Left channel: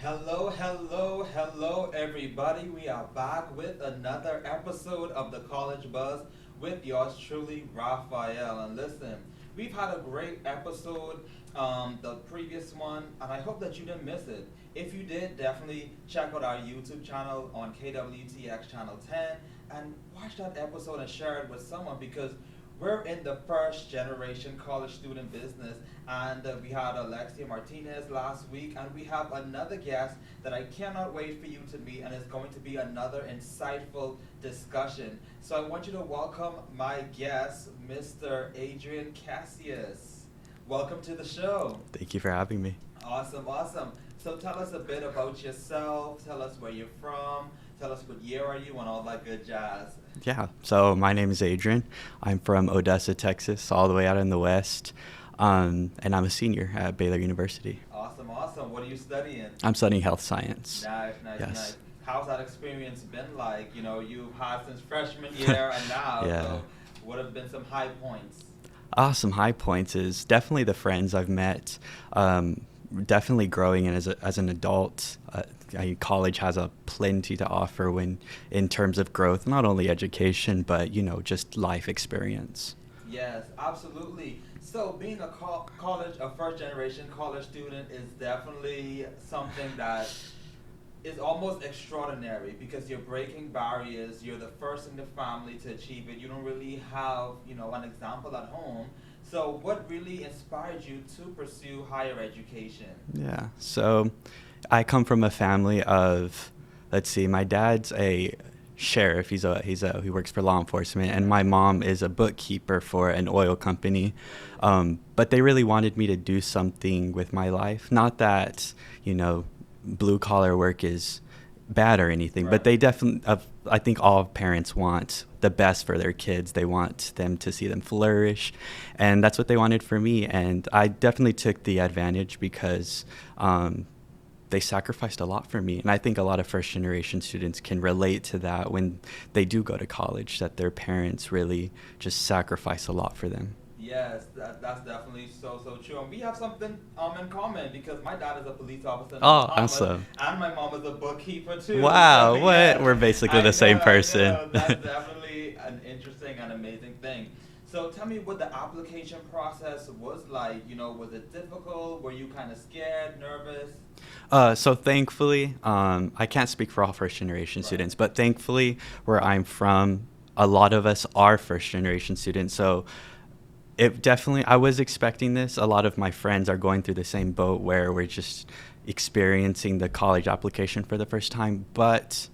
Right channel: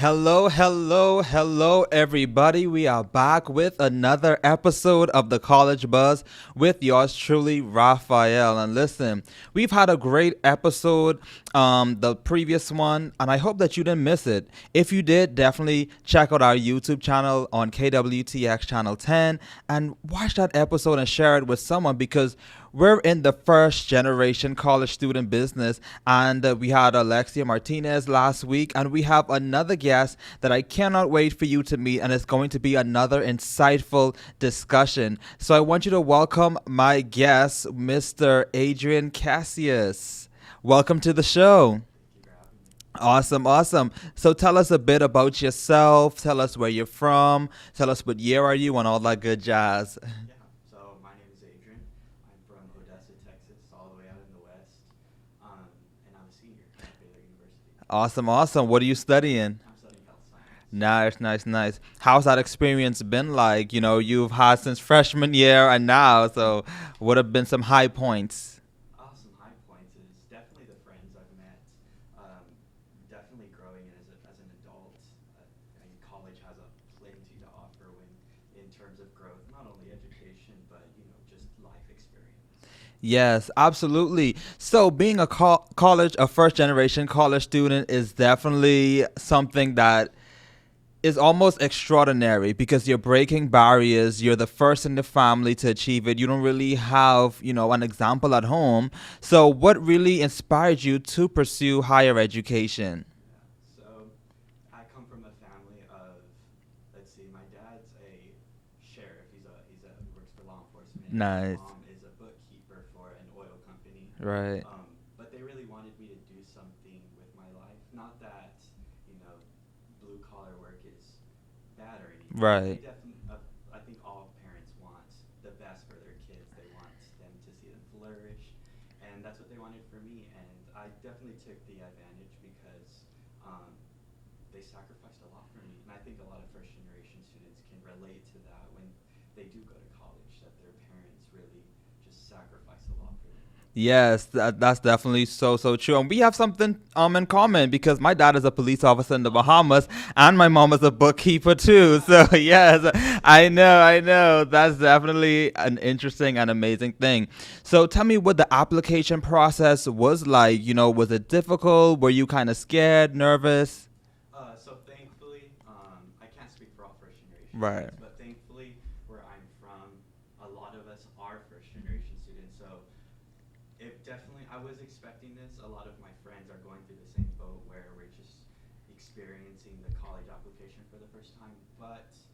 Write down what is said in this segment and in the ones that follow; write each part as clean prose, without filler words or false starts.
Hello, hello, hello, everybody. We are back with another episode of the College Buzz with yours truly, Raphael. And listen, we've had a great episode, the previous one, and I hope that you didn't miss it. If you did, definitely check out our YouTube channel on KWTX Channel 10 and watch that episode and share it with someone because we're in the first generation college student business, and we had Alexia Martinez last week, and we have another guest that I cannot wait for you to meet, and it's going to be another insightful discussion. So I want you to welcome my guest, Mr. Adrian Casias. Welcome to the show. Thank you for having me. Awesome, awesome. So tell us a bit about yourself. Tell us where you're from. Tell us what year are you and all that good jazz. Yeah, so my name is Adrian. I'm from Odessa, Texas, all the way out in the West. And I'm a senior at Baylor University. Awesome, awesome. What are you studying? I'm studying health science. Nice, nice, Yes. nice. How's that experience been like? You know, you've had since freshman year and now, Yeah. so what have been some high points? Some high points is definitely the friends I've met. Definitely growing in as an adult. College has a plenty to offer in terms of growth, not only education, but, just life experience. Yes, absolutely. So being a first generation college student is definitely something that is almost extraordinary because you're breaking barriers. You're the first in the family to achieve it. You don't really have, an example at home. So what really inspired you to pursue higher education? Yeah. So I come from a family of, let's see, my dad's a sheriff. He works for law enforcement, and my Nice. mom is a bookkeeper for an oil company. Right. But they really wanted me to do something with my life. Not that, blue collar work is bad or anything, Right. but they definitely, I think all parents want the best for their kids. They want them to see them flourish, and that's what they wanted for me. And I definitely took the advantage because they sacrificed a lot for me. And I think a lot of first generation students can relate to that when they do go to college, that their parents really just sacrifice a lot for them. Yes, that's definitely so true. And we have something in common because my dad is a police officer in the Bahamas, awesome. and my mom is a bookkeeper too. Wow, So yes, we're basically the same person. I know. That's definitely an interesting and amazing thing. So tell me what the application process was like. Was it difficult? Were you kind of scared, nervous? So thankfully, I can't speak for all first generation Right. students, but thankfully where I'm from, a lot of us are first generation students. So I was expecting this. A lot of my friends are going through the same boat where we're just experiencing the college application for the first time. But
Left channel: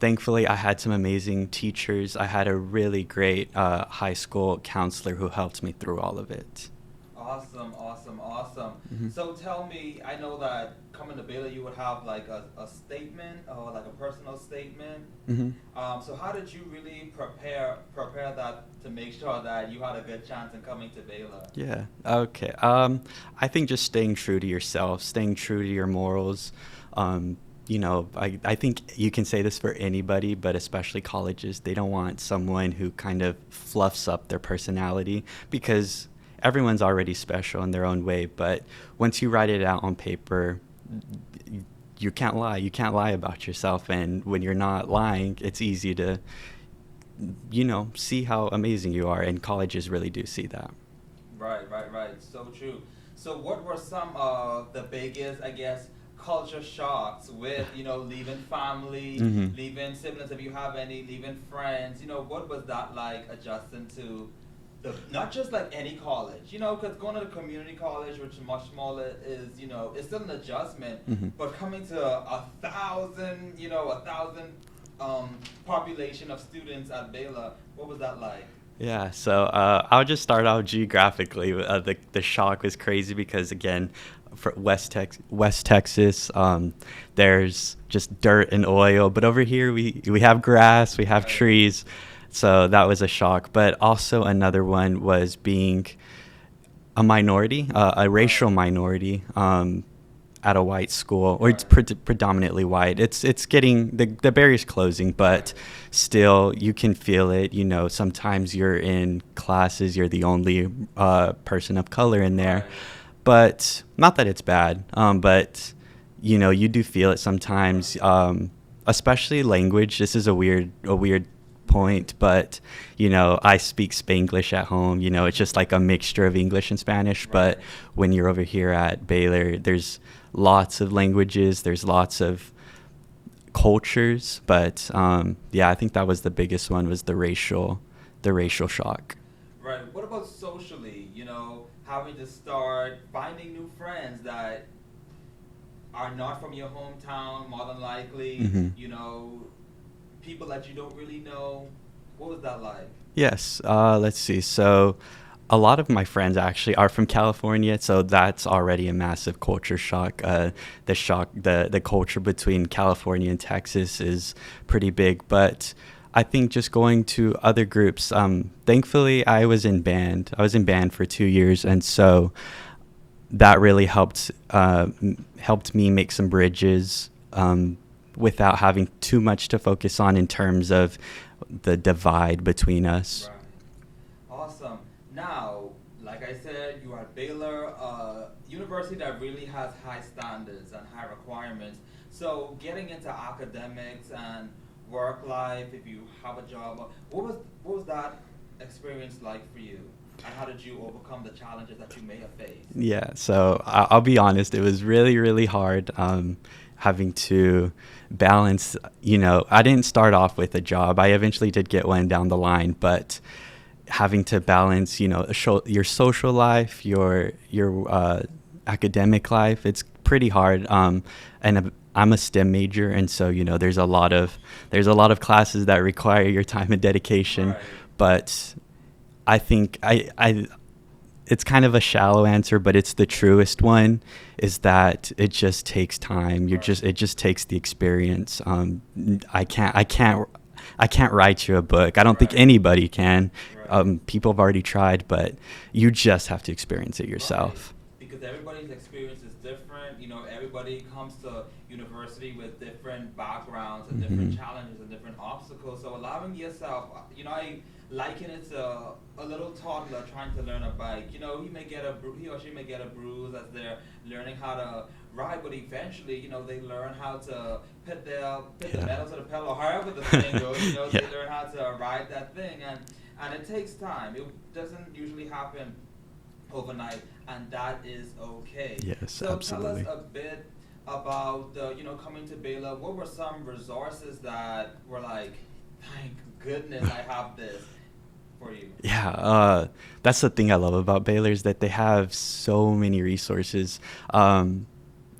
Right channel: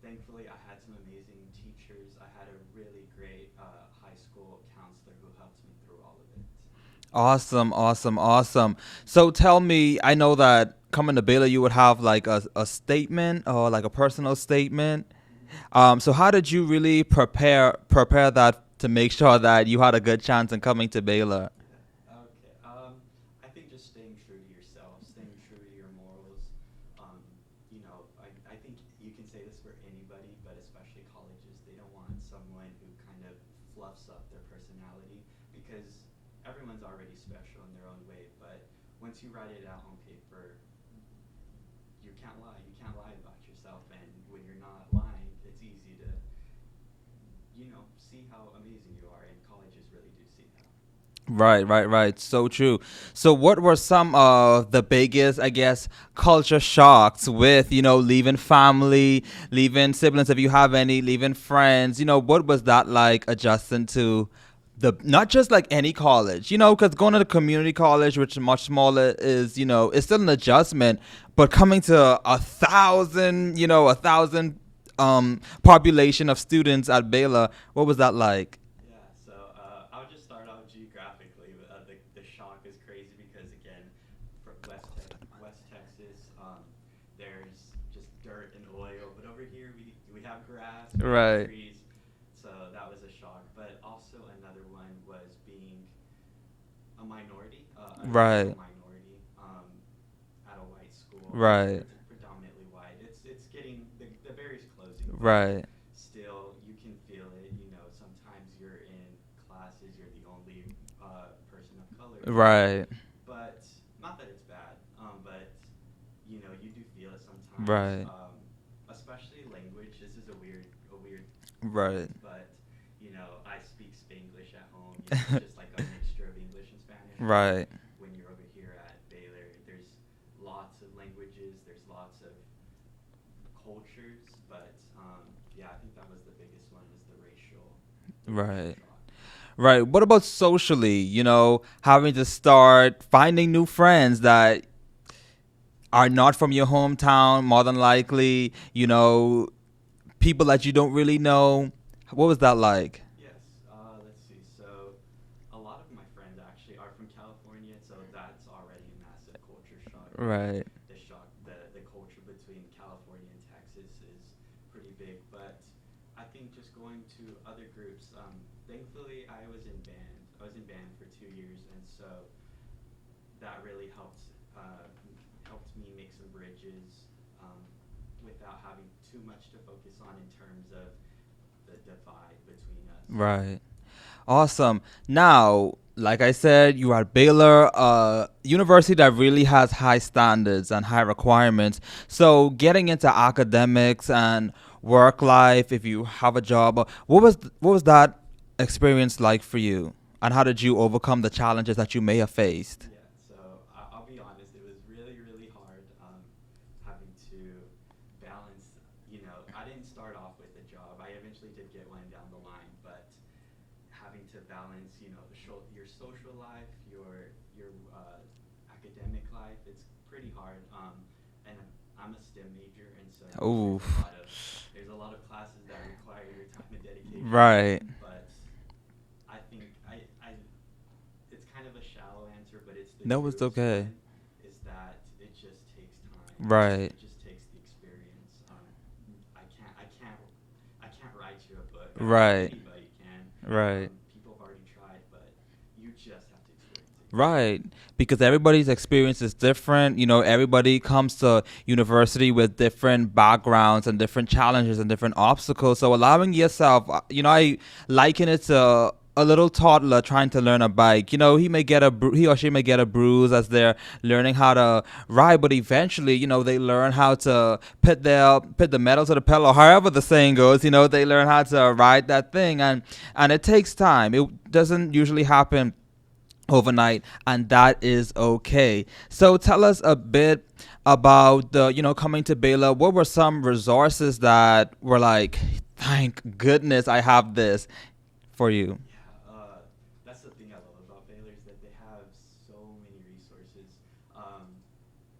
thankfully, I had some amazing teachers. I had a really great high school counselor who helped me through all of it. Awesome, awesome, awesome. Mm-hmm. So tell me, I know that coming to Baylor, you would have like a statement or like a personal statement. Mm-hmm. So how did you really prepare that to make sure that you had a good chance in coming to Baylor? Yeah. Okay. I think just staying true to yourself, staying true to your morals. I think you can say this for anybody, but especially colleges. They don't want someone who kind of fluffs up their personality because everyone's already special in their own way. But once you write it out on paper, you can't lie. You can't lie about yourself. And when you're not lying, it's easy to see how amazing you are, and colleges really do see that. Right. So true. So what were some of the biggest, I guess, culture shocks with, leaving family, Mm-hmm. leaving siblings, if you have any, leaving friends? What was that like adjusting to not just like any college, because going to the community college, which is much smaller, is, it's still an adjustment, Mm-hmm. but coming to 1,000 population of students at Baylor, what was that like? Yeah, so I'll just start out geographically. The shock was crazy because, again, for West Texas, there's just dirt and oil. But over here, we have grass, we have Right. trees. So that was a shock. But also another one was being a minority, a racial minority. At a white school, or it's predominantly white. It's getting the barrier's closing, but Right. still you can feel it. Sometimes you're in classes, you're the only person of color in there. Right. But not that it's bad. But you do feel it sometimes. Right. Especially language. This is a weird point, Right. but I speak Spanglish at home. It's just like a mixture of English and Spanish. But Right. when you're over here at Baylor, there's lots of languages. There's lots of cultures. But yeah, I think that was the biggest one, was the racial Right. shock. Right. What about socially? Having to start finding new friends that are not from your hometown, more than likely, Hmm. people that you don't really know. What was that like? Yes. Let's see. So, a lot of my friends actually are from California, so that's already a massive culture shock. Right. The culture between California and Texas is pretty big, but I think just going to other groups. Thankfully, I was in band. I was in band for 2 years, and so that really helped me make some bridges, without having too much to focus on in terms of the divide between us. Right. Awesome. Now, like I said, you are at Baylor, a university that really has high standards and high requirements. So, getting into academics and work life, if you have a job, what was that experience like for you? And how did you overcome the challenges that you may have faced? Yeah, so I'll be honest, it was really, really hard, having to balance. I didn't start off with a job. I eventually did get one down the line, but having to balance, your social life, your academic life, it's pretty hard. And I'm a STEM major, and so there's a Oof. lot of classes that require your time and dedication. Right. But I think it's kind of a shallow answer, but it's the No, it's truest okay. one, is that it just takes time. Right. It just takes the experience. I can't write you a book. I don't think Right. anybody can. Right. People have already tried, but you just have to experience it Right. yourself. Because everybody's experience is different. Everybody comes to university with different backgrounds and different Hmm. challenges and different obstacles. So allowing yourself, I liken it to a little toddler trying to learn a bike. He or she may get a bruise as they're learning how to ride, but eventually, they learn how to put the Yeah. metal to the pedal, or however the saying goes. Yeah. They learn how to ride that thing, and it takes time. It doesn't usually happen overnight, and that is okay. Yes, So tell us absolutely. a bit about coming to Baylor. What were some resources that were like, thank goodness I have this for you? Yeah, that's the thing I love about Baylor, is that they have so many resources.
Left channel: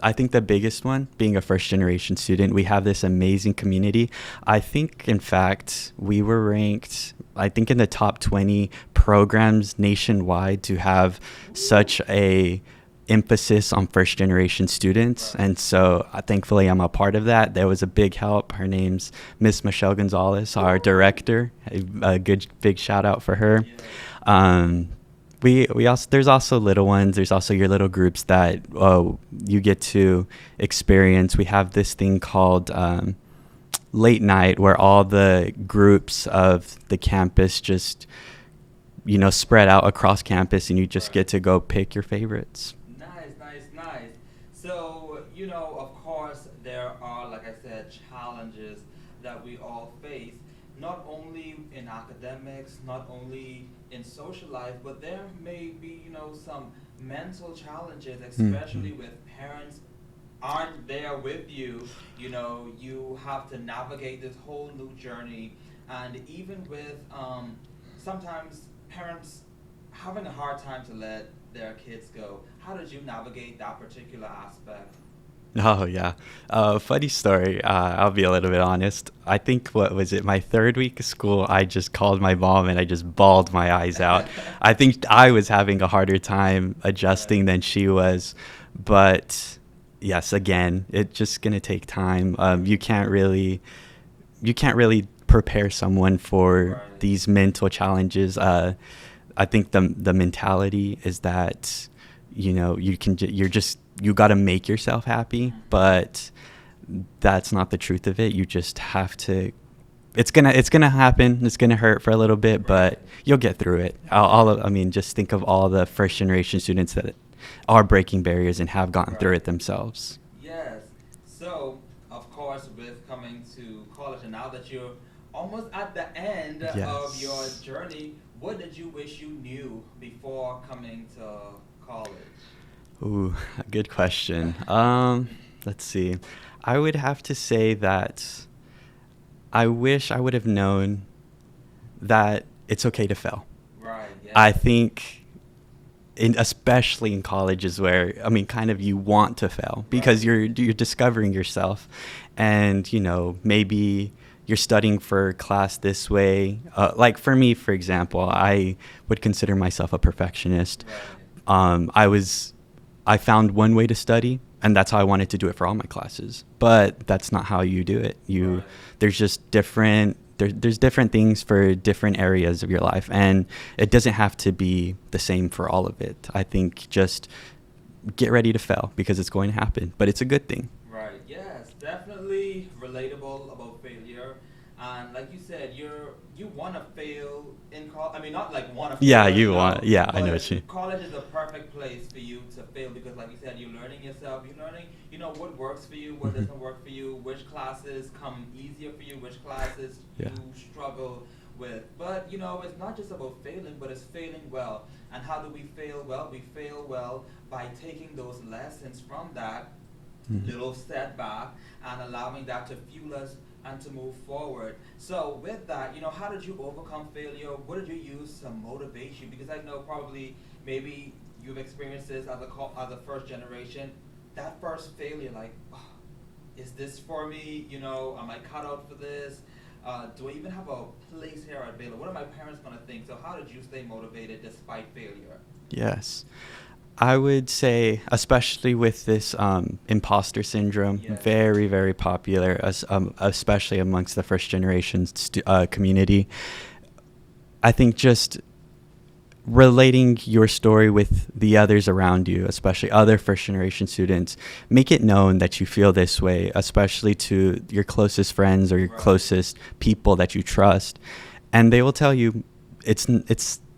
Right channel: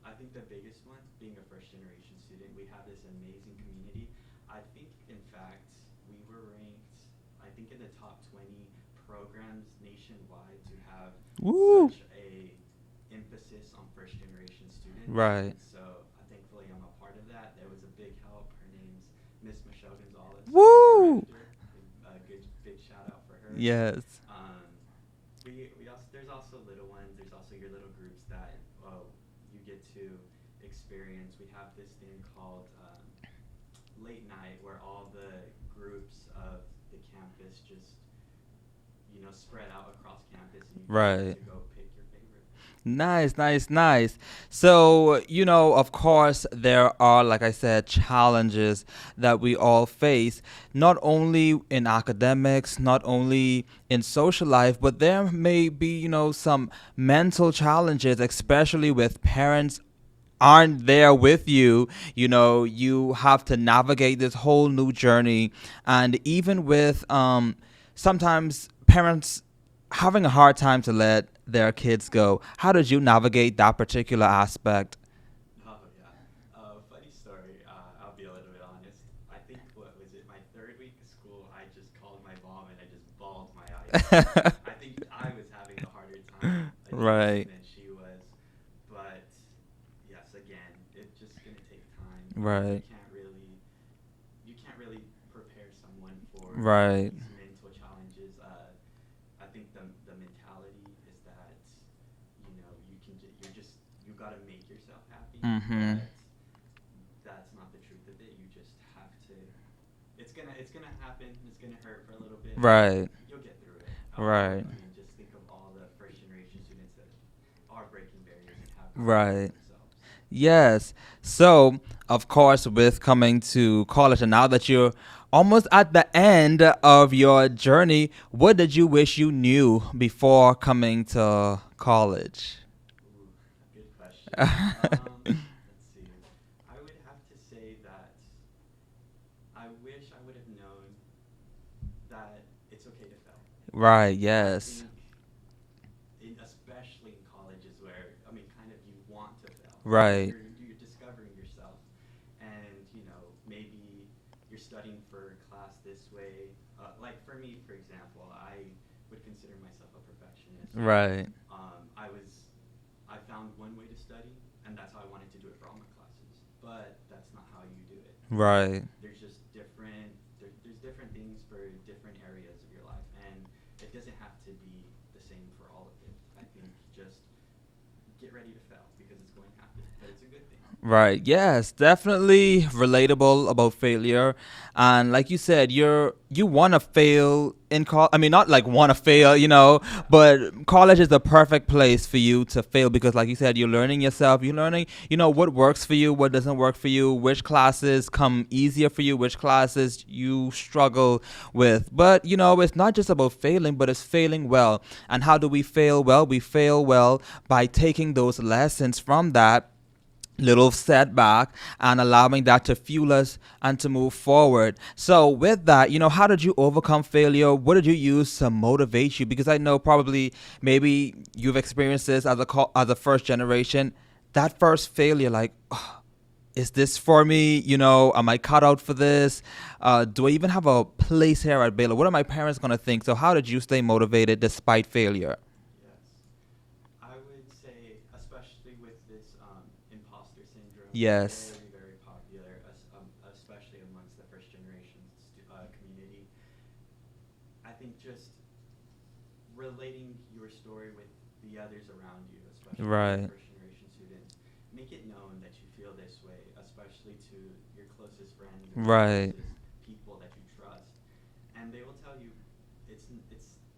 I think the biggest one, being a first generation student, we have this amazing community. I think, in fact, we were ranked, I think, in the top 20 programs nationwide to have Woo! such a emphasis on first generation students. Right. And so thankfully I'm a part of that. There was a big help. Her name's Miss Michelle Gonzalez, our Woo! director. A good big shout out for her. Yes. Um, we also, there's also little ones. There's also your little groups that you get to experience. We have this thing called late night, where all the groups of the campus just spread out across campus, and you just get Right. to go pick your favorites. Nice, nice, nice. So, of course, there are, like I said, challenges that we all face, not only in academics, not only in social life, but there may be, some mental challenges, especially Mhm. with parents aren't there with you. You have to navigate this whole new journey. And even with sometimes parents having a hard time to let their kids go, how did you navigate that particular aspect? Oh yeah. Funny story. I'll be a little bit honest. I think, what was it, my third week of school, I just called my mom and I just bawled my eyes out. I think I was having a harder time adjusting Right. than she was, but yes, again, it's just gonna take time. Right. You can't really prepare someone for Right. these mental challenges. I think the mentality is that you got to make yourself happy, Mhm. but that's not the truth of it. You just have to. It's gonna happen. It's gonna hurt for a little bit, but Right. you'll get through it. Right. I mean, just think of all the first generation students are breaking barriers and have gotten through it Right. themselves. Yes. So, of course, with coming to college, and now that you're almost at the end of your Yes. journey, what did you wish you knew before coming to college? Ooh, a good question. Let's see. I would have to say that I wish I would have known that it's okay to fail. Right. I Yes. think, especially in colleges where, I mean, kind of you want to fail because Right. you're discovering yourself, and maybe you're studying for class this way. Like for me, for example, I would consider myself a perfectionist. Right. I found one way to study, and that's how I wanted to do it for all my classes. But that's not how you do it. Right. There's just there's different things for different areas of your life, and it doesn't have to be the same for all of it. I think just get ready to fail because it's going to happen, but it's a good thing. Right. Yes, definitely relatable about failure. And like you said, you want to fail in college. I mean, not like want to Yeah, fail, yeah, I know but what you. college is the perfect place for you to fail because, like you said, you're learning yourself. You're learning, what works for you, what Mhm. doesn't work for you, which classes come easier for you, which classes Yeah. you struggle with. But it's not just about failing, but it's failing well. And how do we fail well? We fail well by taking those lessons from that little setback and allowing that to fuel us and to move forward. So with that, how did you overcome failure? What did you use to motivate you? Because I know probably maybe you've experienced this as a first generation, that first failure, like, "Oh, is this for me? Am I cut out for this? Do I even have a place here at Baylor? What are my parents going to think?" So how did you stay motivated despite failure? Yes. I would say, especially with this imposter syndrome, Yes. very, very popular, especially amongst the first generation community. I think just relating your story with the others around you, especially other Right. first generation students, make it known that you feel this way, especially to your closest friends or your Right. closest people that you trust. And they will tell you it's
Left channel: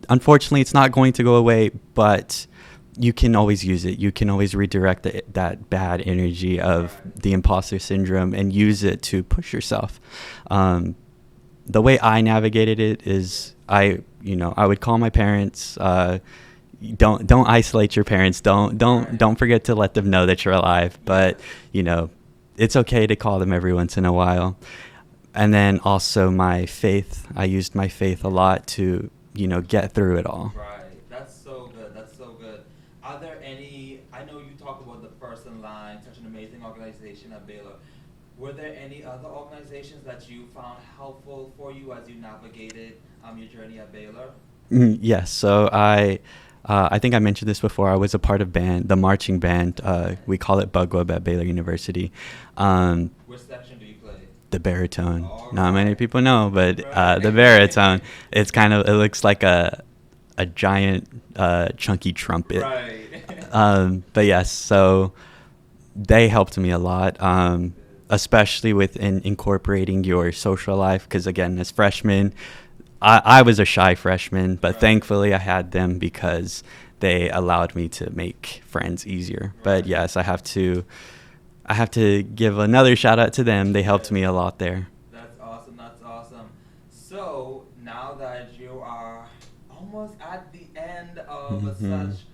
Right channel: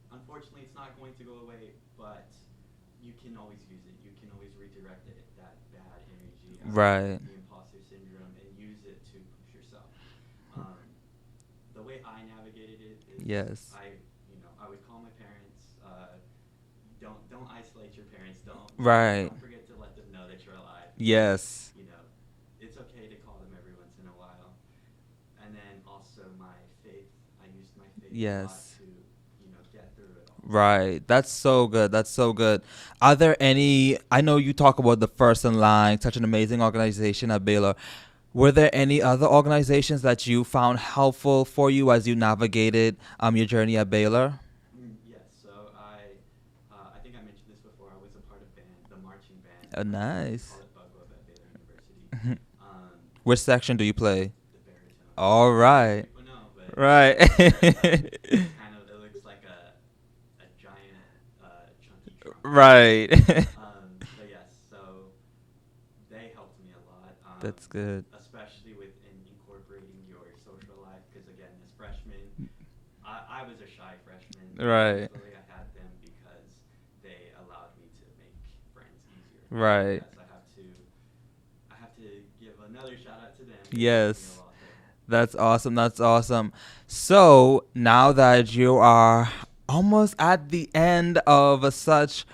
unfortunately it's not going to go away, but you can always use it. You can always redirect that bad energy of Right. the imposter syndrome and use it to push yourself. The way I navigated it is Yes. I would call my parents. Don't isolate your parents. Right. Don't forget to let them know that you're alive. Yes. But it's okay to call them every once in a while. And then also my faith. I used my faith a lot Yes. to get through it all. Right. That's so good. That's so good. Are there any, I know you talk about the First in Line, such an amazing organization at Baylor. Were there any other organizations that you found helpful for you as you navigated your journey at Baylor? Yes. So I think I mentioned this before. I was a part of the marching band. We Nice. call it Bugweb at Baylor University. Which section do you play? The baritone. All Not many right. people know, but Right. the baritone. It looks like a giant chunky trumpet. Right. But yes, so they helped me a lot, That's good. especially with incorporating your social life. Because again, as freshmen, I was a shy freshman, but Right. thankfully I had them because they allowed me to make friends easier. Right. But yes, I have to give another shout out to them. They helped me a Yes. lot there. That's awesome. That's awesome. So now that you are almost at the end of Mhm. such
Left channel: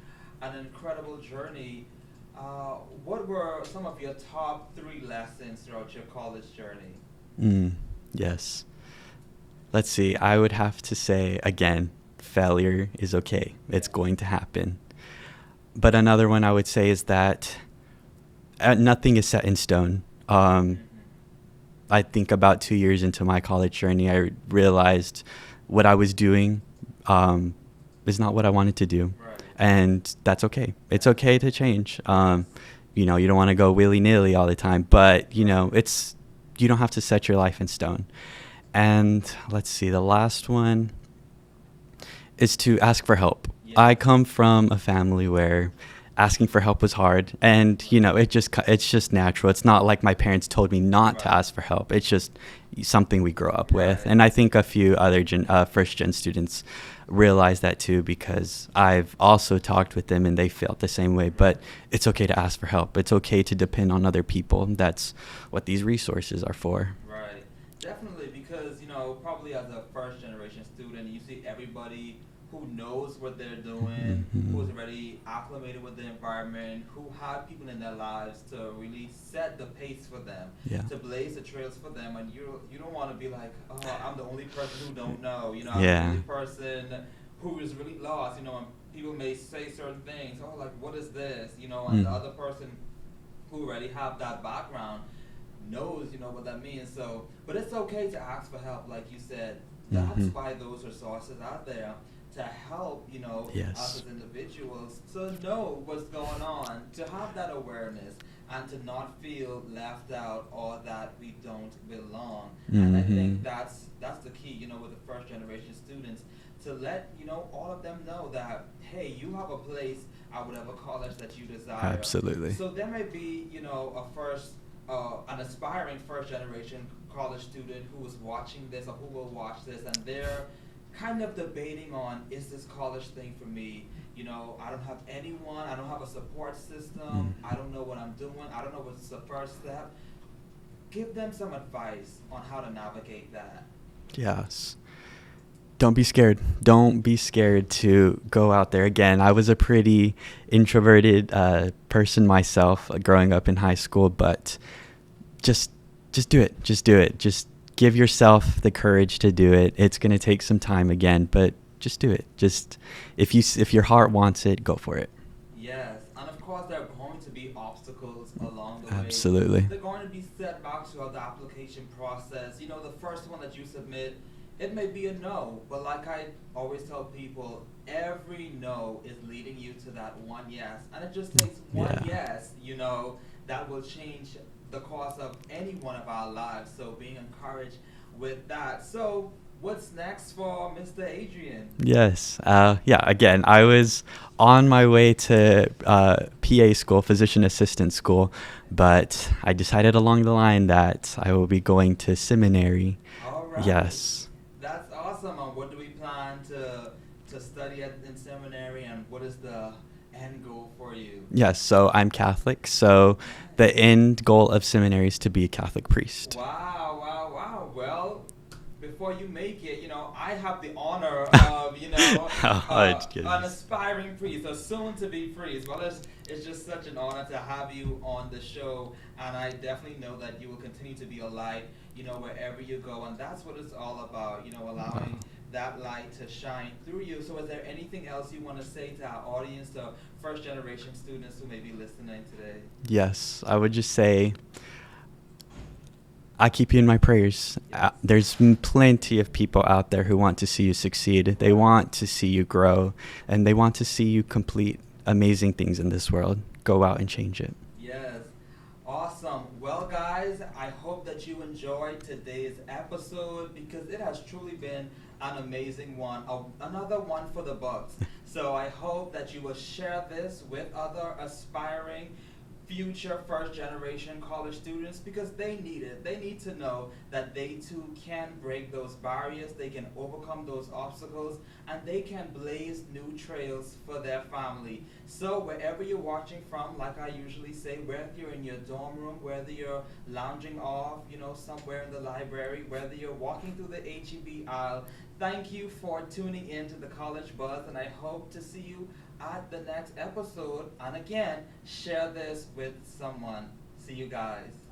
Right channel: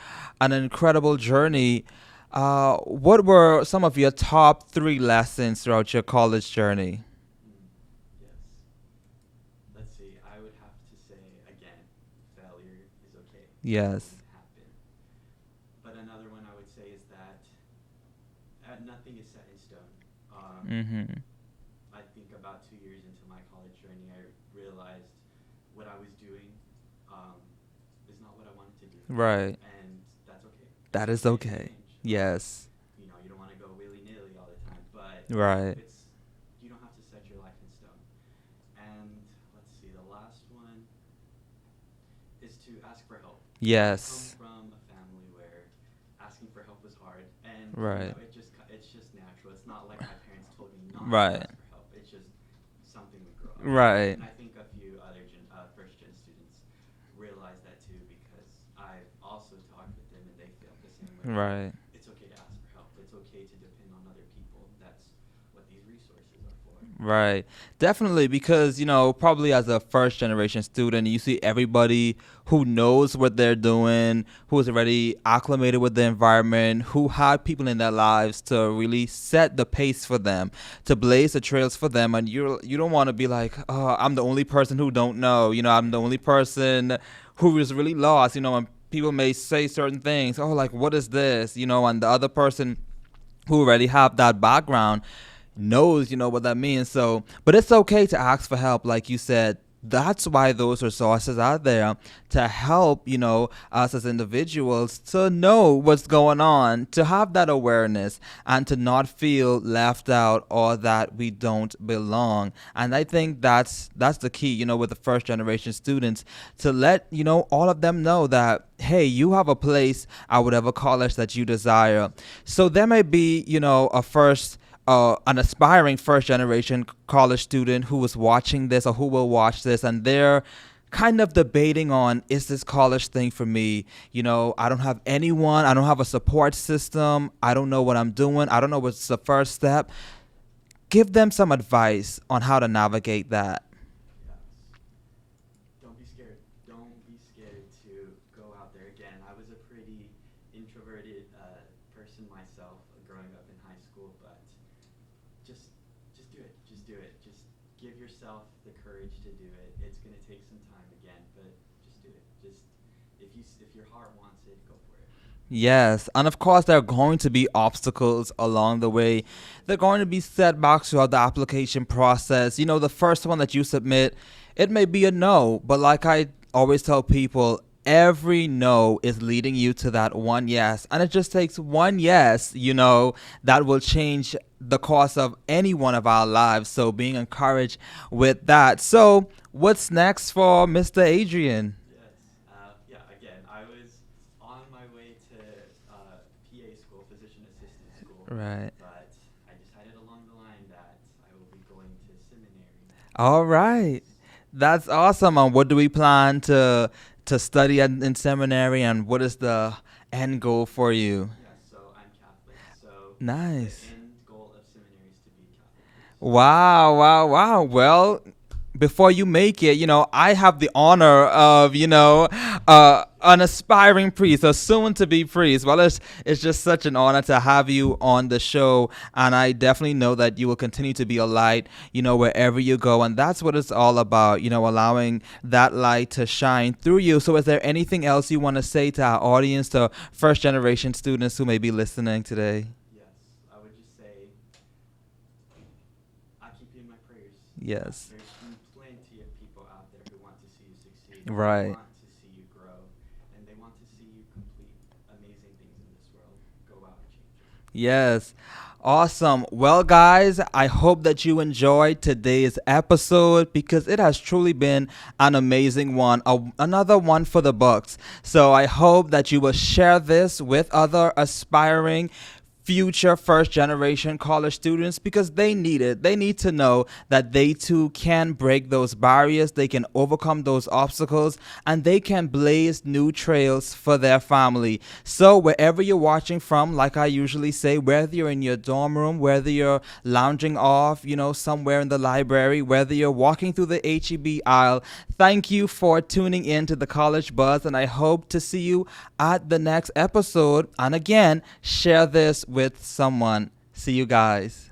an incredible journey, what were some of your top 3 lessons throughout your college journey? Yes. Let's see. I would have to say, again, failure is okay. Yes. It's going to happen. But another one I would say is that nothing is set in stone. I think about 2 years into my college journey, I realized what I was doing is not what I wanted to do. Right. And that's okay. It's That is okay to okay. change. Yes. You don't want to go willy-nilly all the time, but Right. you don't have to set your life in stone. And let's see, the last one is to ask for help. Yes. I come from a family where asking for help was hard, and Right. it's just natural. It's not like my parents told me not Right. to ask for help. It's just something we grow up Right. with. And I think a few other first gen students realize that too, because I've also talked with them and they felt the same way. But Right. it's okay to ask for help. It's okay to depend on other people. That's what these resources are for. Right. Definitely, because, probably as a first generation student, you see everybody who knows what they're doing, who is already acclimated with the environment, who had people in their lives to really set the pace for them, Yeah. to blaze the trails for them. And you don't want to be like, oh, I'm the only person who don't know. I'm the Yeah. only person who is really lost. And people may say certain things, oh, like, what is this? And the other person who already have that background knows, what that means. So, but it's okay to ask for help, like you said. That's why those resources are there to help, us as individuals to know what's going on, to have that awareness, and to not feel left out or that we don't belong. And I think that's the key, with the first generation students, to let, all of them know that, hey, you have a place at whatever college that you desire. Absolutely. So there may be, an aspiring first generation college student who is watching this or who will watch this, and they're kind of debating on, is this college thing for me? I don't have anyone. I don't have a support system. I don't know what I'm doing. I don't know what's the first step. Give them some advice on how to navigate that. Yes. Don't be scared. Don't be scared to go out there. Again, I was a pretty introverted person myself growing up in high school, but just do it. Just do it. Just give yourself the courage to do it. It's going to take some time again, but just do it. Just if your heart wants it, go for it. Yes, and of course there are going to be obstacles along the way. Absolutely. There are going to be setbacks throughout the application process. The first one that you submit, it may be a no, but like I always tell people, every no is leading you to that one yes. And it just takes one yes, that will change the course of any one of our lives. So being encouraged with that. So what's next for Mr. Adrian? Yes. Again, I was on my way to PA school, physician assistant school, but I decided along the line that I will be going to seminary. All right. Yes. That's awesome. And what do we plan to study in seminary, and what is the end goal for you? Yes, so I'm Catholic, so Nice. The end goal of seminary is to be a Catholic priest. Wow. Well, before you make it, I have the honor of, an aspiring priest, a soon-to-be priest. Well, it's just such an honor to have you on the show, and I definitely know that you will continue to be a light, wherever you go, and that's what it's all about, allowing that light to shine through you. So is there anything else you want to say to our audience, to first-generation students who may be listening today? Yes, I would just say, I keep you in my prayers. Yes. There's plenty of people out there who want to see you succeed. Right. They want to see you grow, and they want to see you complete amazing things in this world. Go out and change it. Yes. Awesome. Well, guys, I hope that you enjoyed today's episode, because it has truly been an amazing one, another one for the books. So I hope that you will share this with other aspiring future first generation college students, because they need it. They need to know that they too can break those barriers, they can overcome those obstacles, and they can blaze new trails for their family. So wherever you're watching from, like I usually say, whether you're in your dorm room, whether you're lounging off, somewhere in the library, whether you're walking through the HEB aisle, thank you for tuning in to the College Buzz, and I hope to see you at the next episode. And again, share this with someone. See you guys.